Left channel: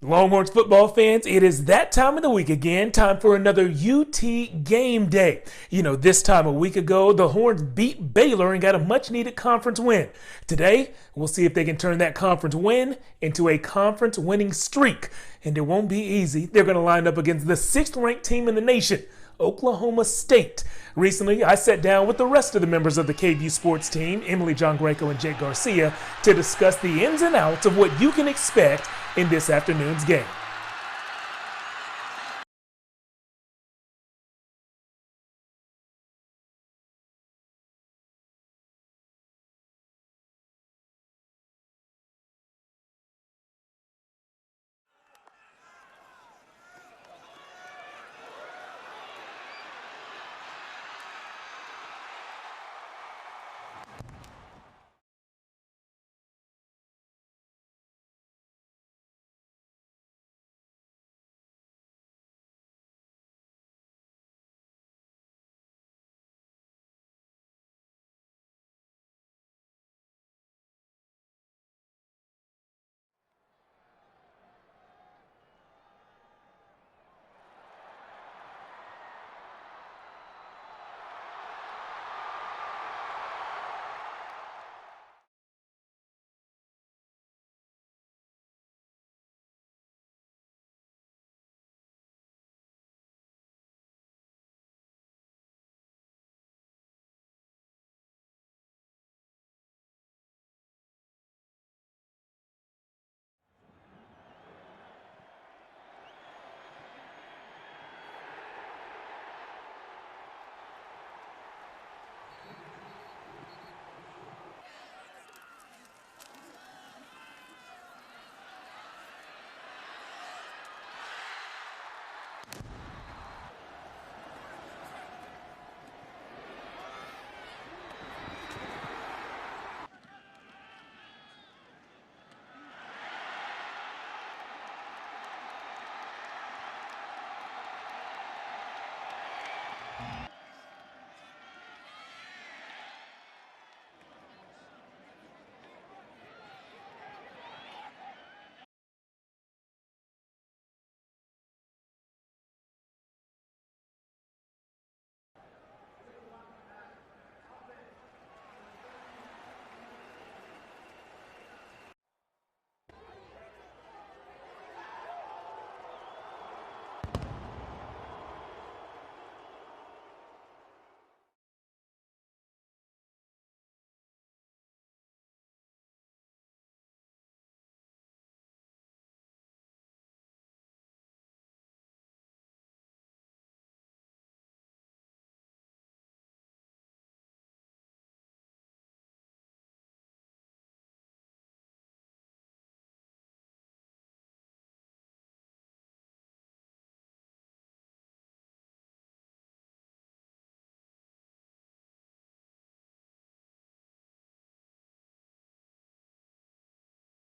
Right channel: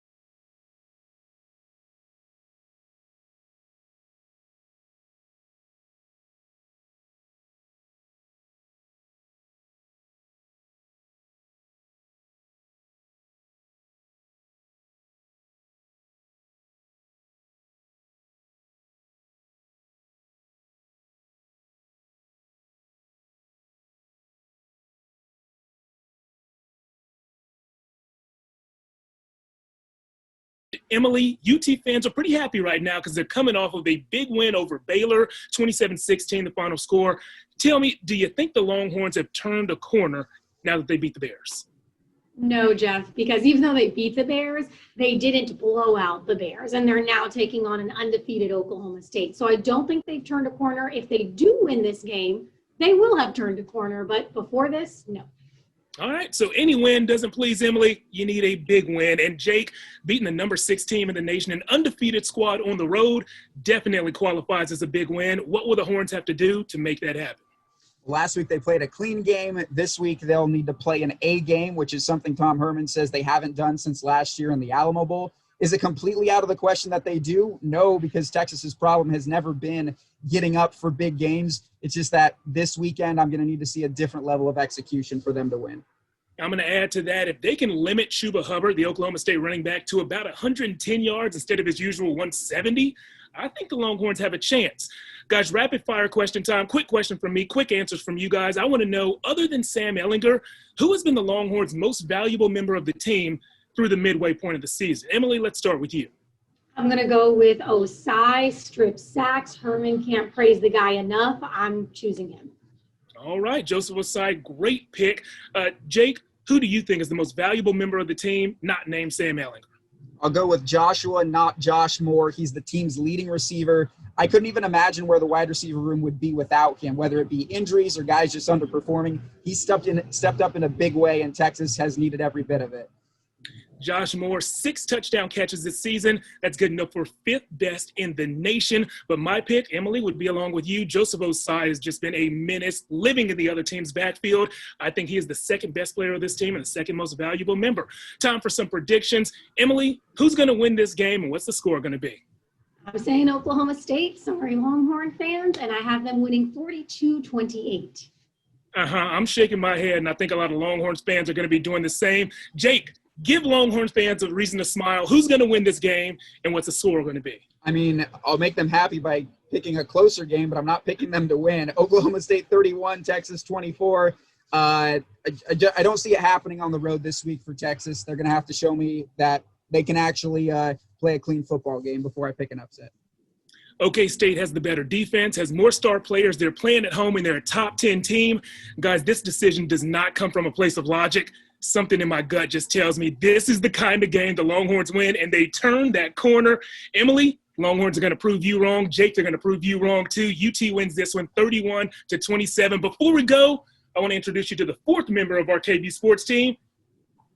Longhorns football fans, it is that time of the week again. Time for another UT game day. You know, this time a week ago, the Horns beat Baylor and got a much needed conference win. Today, we'll see if they can turn that conference win into a conference winning streak. And it won't be easy. They're going to line up against the 6th ranked team in the nation, Oklahoma State. Recently, I sat down with the rest of the members of the KVUE Sports team, Emily Giangreco and Garcia, to discuss the ins and outs of what you can expect in this afternoon's game. Emily, UT fans are pretty happy right now because they're coming off of a big win over Baylor, 27-16, the final score. Tell me, do you think the Longhorns have turned a corner now that they beat the Bears? No, Jeff, because even though they beat the Bears, they didn't blow out the Bears, and they're now taking on an undefeated Oklahoma State. So I don't think they've turned a corner. If they do win this game, they will have turned a corner, but before this, no. All right, so any win doesn't please Emily. You need a big win. And Jake, beating the number 6 team in the nation, an undefeated squad on the road, definitely qualifies as a big win. What will the Horns have to do to make that happen? Last week they played a clean game. This week they'll need to play an A game, which is something Tom Herman says they haven't done since last year in the Alamo Bowl. Is it completely out of the question that they do? No, because Texas's problem has never been getting up for big games. It's just that this weekend I'm going to need to see a different level of execution for them to win. I'm going to add to that, if they can limit Chuba Hubbard, the Oklahoma State running back, to about 110 yards instead of his usual 170, I think the Longhorns have a chance. Guys, rapid fire question time. Quick question from me, quick answers from you guys. I want to know, other than Sam Ehlinger, who has been the Longhorns' most valuable member of the team through the midway point of the season? Emily, let's start with you. I'm going to go with Osai, strip sacks. Herman can't praise the guy enough. I'm choosing him. All right, Joseph Osai, great pick. Jake, who do you think is the most valuable member of the team, not named Sam Ehlinger? I'll go with Joshua, not Josh Moore. He's the team's leading receiver. I couldn't even imagine where the wide receiver room would be without him, whether it be injuries or guys just underperforming. He stepped up in a big way, and Texas has needed every bit of it. Josh Moore, 6 touchdown catches this season. That's good enough for 5th best in the nation. But my pick, Emily, would be along with you. Joseph Osai has just been a menace, living in the other team's backfield. I think he is the 2nd best player of this team and the 2nd most valuable member. Time for some predictions. Emily, who's going to win this game and what's the score going to be? I'm saying Oklahoma State. Sorry, Longhorn fans, and I have them winning 42-28. I'm shaking my head, and I think a lot of Longhorns fans are going to be doing the same. Jake, give Longhorns fans a reason to smile. Who's going to win this game, and what's the score going to be? I mean, I'll make them happy by picking a closer game, but I'm not picking them to win. Oklahoma State 31, Texas 24. I don't see it happening on the road this week for Texas. They're going to have to show me that they can actually play a clean football game before I pick an upset. OK State has the better defense, has more star players. They're playing at home, and they're a top 10 team. Guys, this decision does not come from a place of logic. Something in my gut just tells me this is the kind of game the Longhorns win, and they turn that corner. Emily, Longhorns are going to prove you wrong. Jake, they're going to prove you wrong, too. UT wins this one 31-27. Before we go, I want to introduce you to the 4th member of our KVUE Sports team,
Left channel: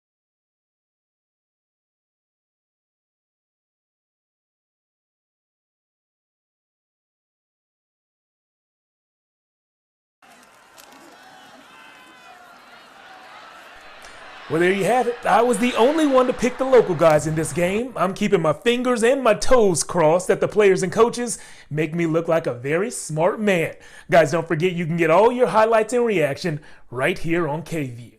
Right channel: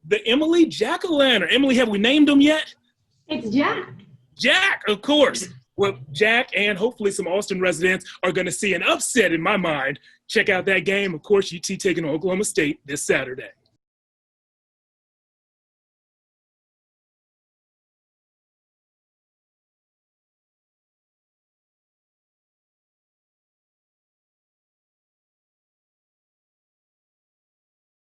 the Emily Jack-O-Lantern. Emily, have we named him yet? It's Jack. Jack, of course. Well, Jack and hopefully some Austin residents are going to see an upset in my mind. Check out that game. Of course, UT taking on Oklahoma State this Saturday. Well, there you have it. I was the only one to pick the local guys in this game. I'm keeping my fingers and my toes crossed that the players and coaches make me look like a very smart man. Guys, don't forget you can get all your highlights and reaction right here on KVUE.